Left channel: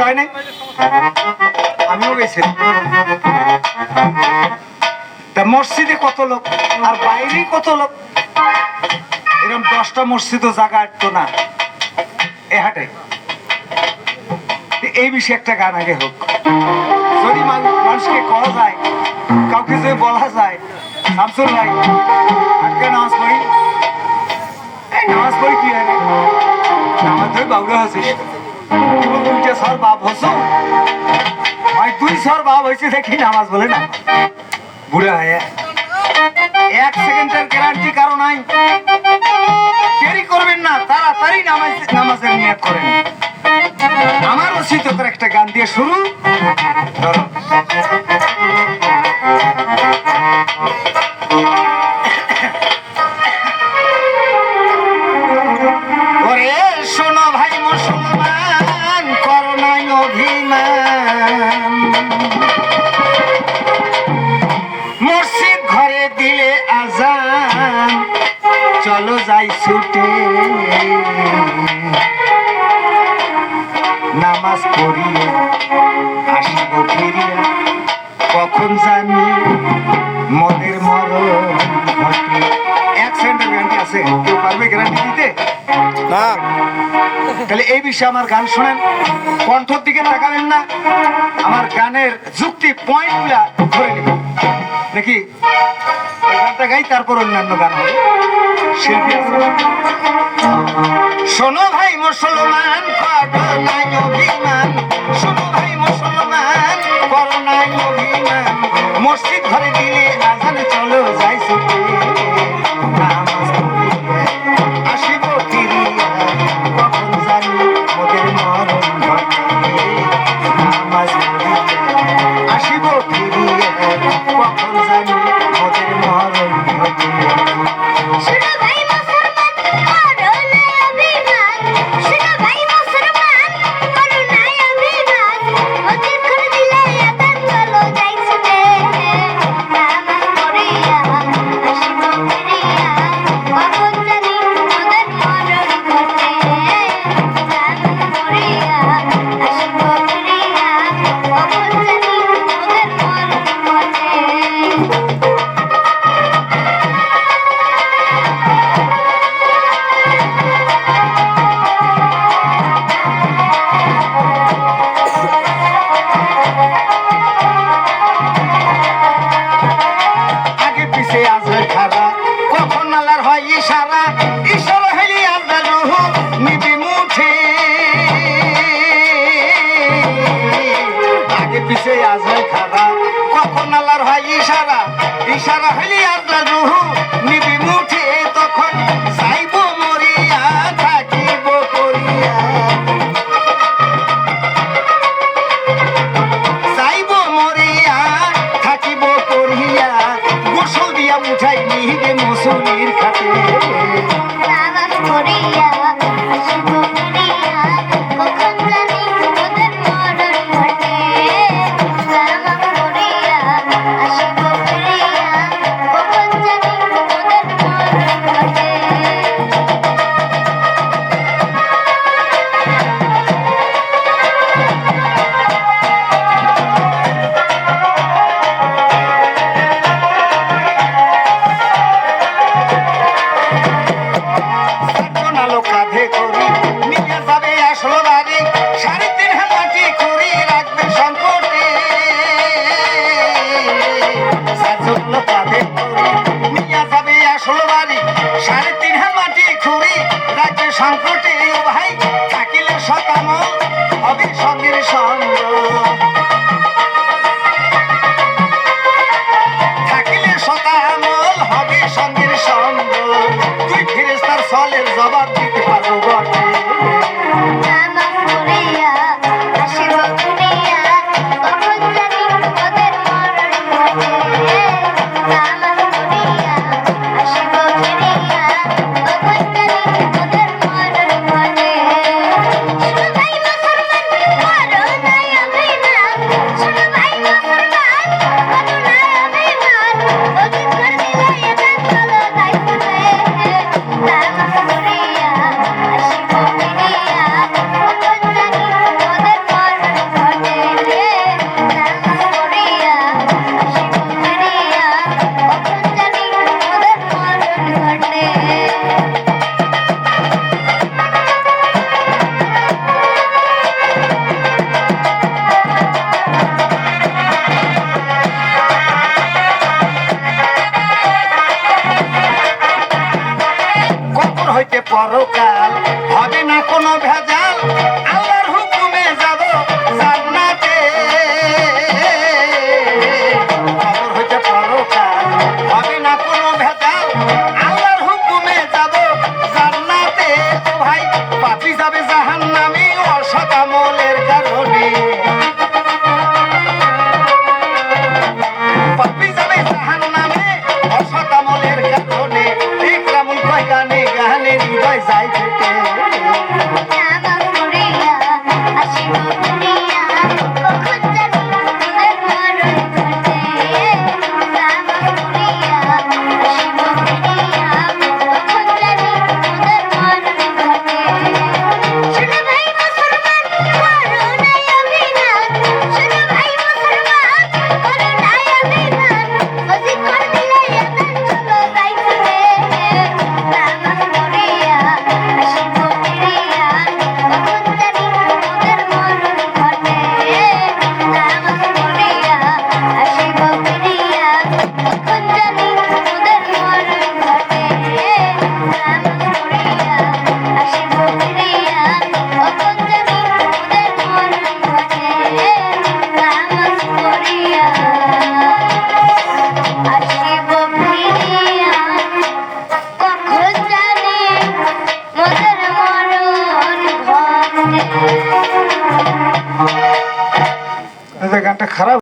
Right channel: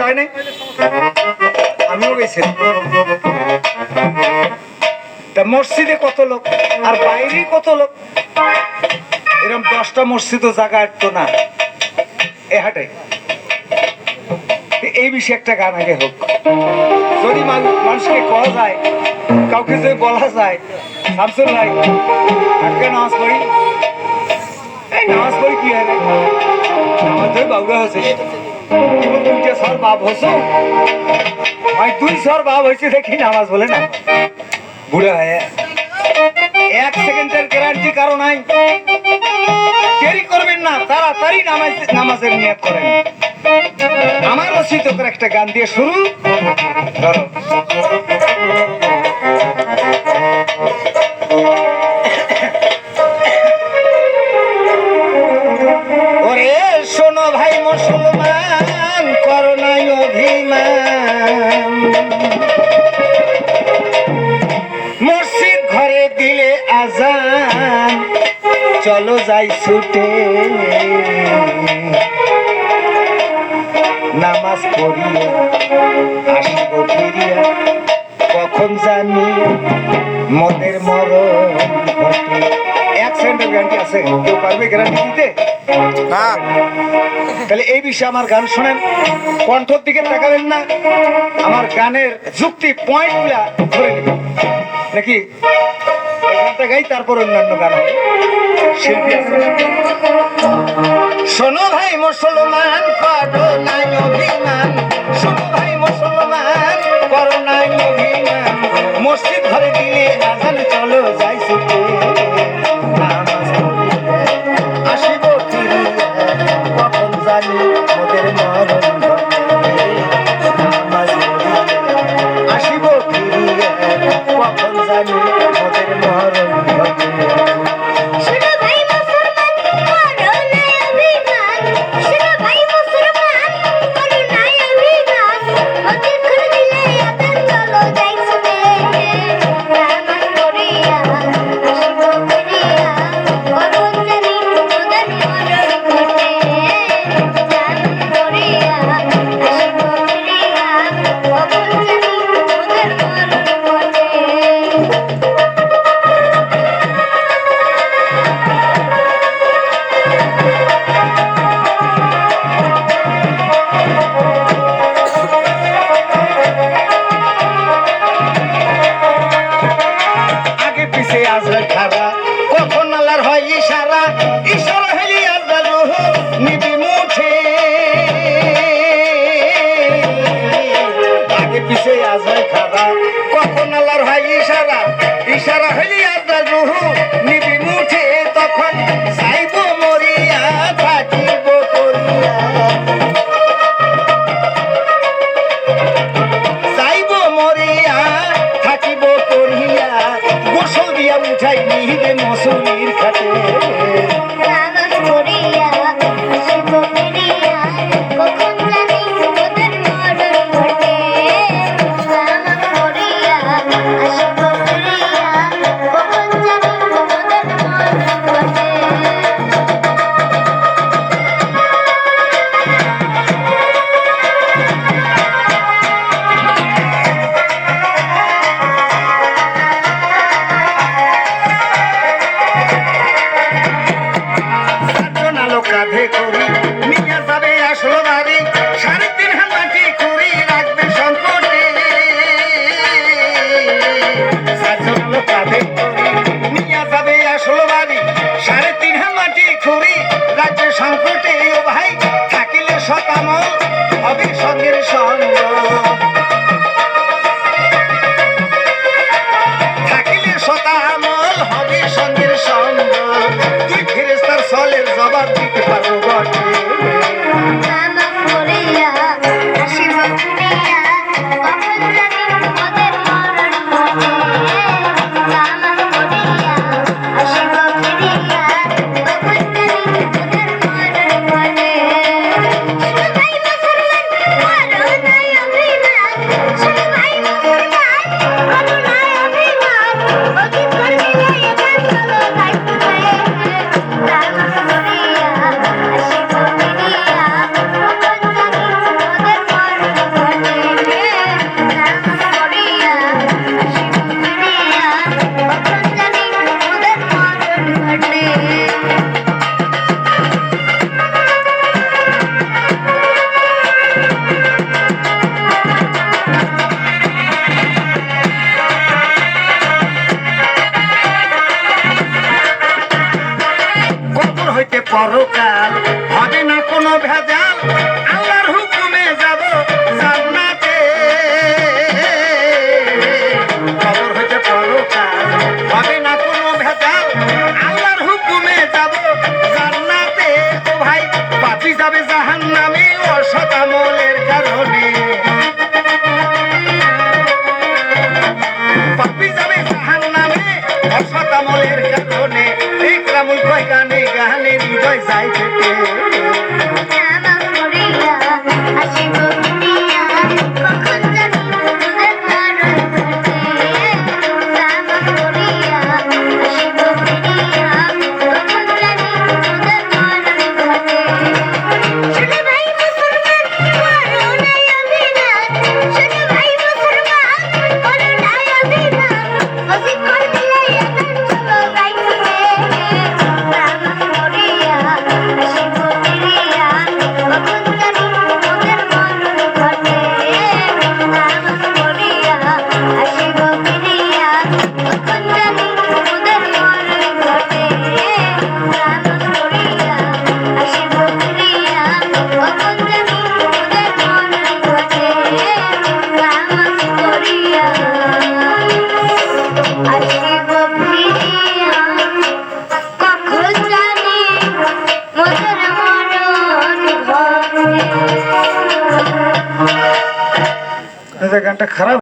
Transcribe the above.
যায় নাই, আমিও গেছি। তা মসজিদে কত লোক আর বাইরে কত লোক, এরকম 10টা মসজিদও জায়গা একটু না এ হাটে। এই বিষয়ে একটা গান আগে হোক, যদি মানুষকে কওয়া যায়, কাউকে যদি বলা যায় শামসুর ভাই আজকে নামাজ পড়ি, এই নামাজ পড়ি কি হয়, নামাজ ধরে বাবুরা হয়েছে, দুইটা সর বাপ হস, ভাই 2 সর বাপ হয়েছে দেখি নামাজ বলে না, বুড়া হয় 1 সেকেন্ডের গ্যারান্টি কারো নাই। দেরি করবেন না, তাড়াতাড়ি নামাজের নিয়ত করেন। আমার রচিত করে একটা গান দিয়ে শুরু। ধরো ওরে শোনো ভাই মুসলমান, করো নাই অভিমান, মসজিদ ঘরে দিলে আজান, চলো যাই ছুটে নামাজ পড়িয়ে আসিব ফিরিয়া, কখন জানি মদের মরণ ঘটে। 1 সেকেন্ডের গ্যারান্টি আছে, কেউ পারবে গ্যারান্টি দিতে? তাহলে এই বিষয়ে আমার গান শোনেন, কণ্ঠর দিকে তাকাবেন না, আমার গানের যুক্তি পয়েন্ট গুলা ধরে নেবেন নাকি। গানটা গাই তারপর অন্যান্য গান হবে, শিল্পী আছে। শোনো ভাই মুসলমান, করো নাই অভিমান, শোনো ভাই মুসলমান, করো নাই অভিমান, মসজিদ ঘরে দিলে আজান, চলো যাই ছুটে নামাজ পড়িয়া আসিব ফিরিয়া, কখন জানি মোদের মরণ ঘটে, নামাজ পড়িয়া আসিব ফিরিয়া, কখন জানি মোদের মরণ ঘটে। কখন আল্লাহর হয় ইশারা, ইশারা হইলে আপনার রুহু নিবি মুঠে, তখন যাইব মরিয়া থাকিব করিয়া, যাইব মরিয়া থাকিব করিয়া, গোসল দিয়া উঠাই নিবে মুসলির খাটে, নামাজ পড়িয়া আসিব ফিরিয়া, কখন জানি মোদের মরণ ঘটে, নামাজ পড়িয়া আসিব ফিরিয়া, কখন জানি মোদের মরণ ঘটে। কাঁধে করি নিয়ে যাবে আসল বাড়ি, 3.5 হাত মাটি খুঁড়ি রাখবে সংকটে, কাঁধে করি নিয়ে যাবে আসল বাড়ি, 3.5 হাত মাটি খুঁড়ি রাখবে সংকটে, ও ভাই থাকিলে শতামল হবে সঙ্গের সঙ্গ, থাকিলে শতামল হবে সঙ্গের সঙ্গ, তুই ফেরেশতার সলের জবাব দিতে পারবো বটে, নামাজ পড়িয়া আসিব ফিরিয়া, কখন জানি মোদের মরণ ঘটে, নামাজ পড়িয়া আসিব ফিরিয়া, কখন জানি মোদের মরণ ঘটে। শোনো ভাই মুসলমান, করো নাই অভিমান, শোনো ভাই মুসলমান, করো নাই অভিমান, মসজিদ ঘর দিলে আজান, চলো যাই ছুটে নামাজ পড়িয়া আসিব পরকাল হবে না কোনো ভেজাল আল্লাহর হুকুমে যাব জান্নাতে খবর হচ্ছে পরকাল হবে না কোনো ভেজাল আল্লাহর হুকুমে যাব জান্নাতে ও ভাই পাপী যাবে জাহান্নামে অসৎ আমলের কারণে পাপী যাবে জাহান্নামে অসৎ আমলের কারণে ইকরামুল কয় গানে গানে হৃদয় যায় ফেটে গানটা খারাপ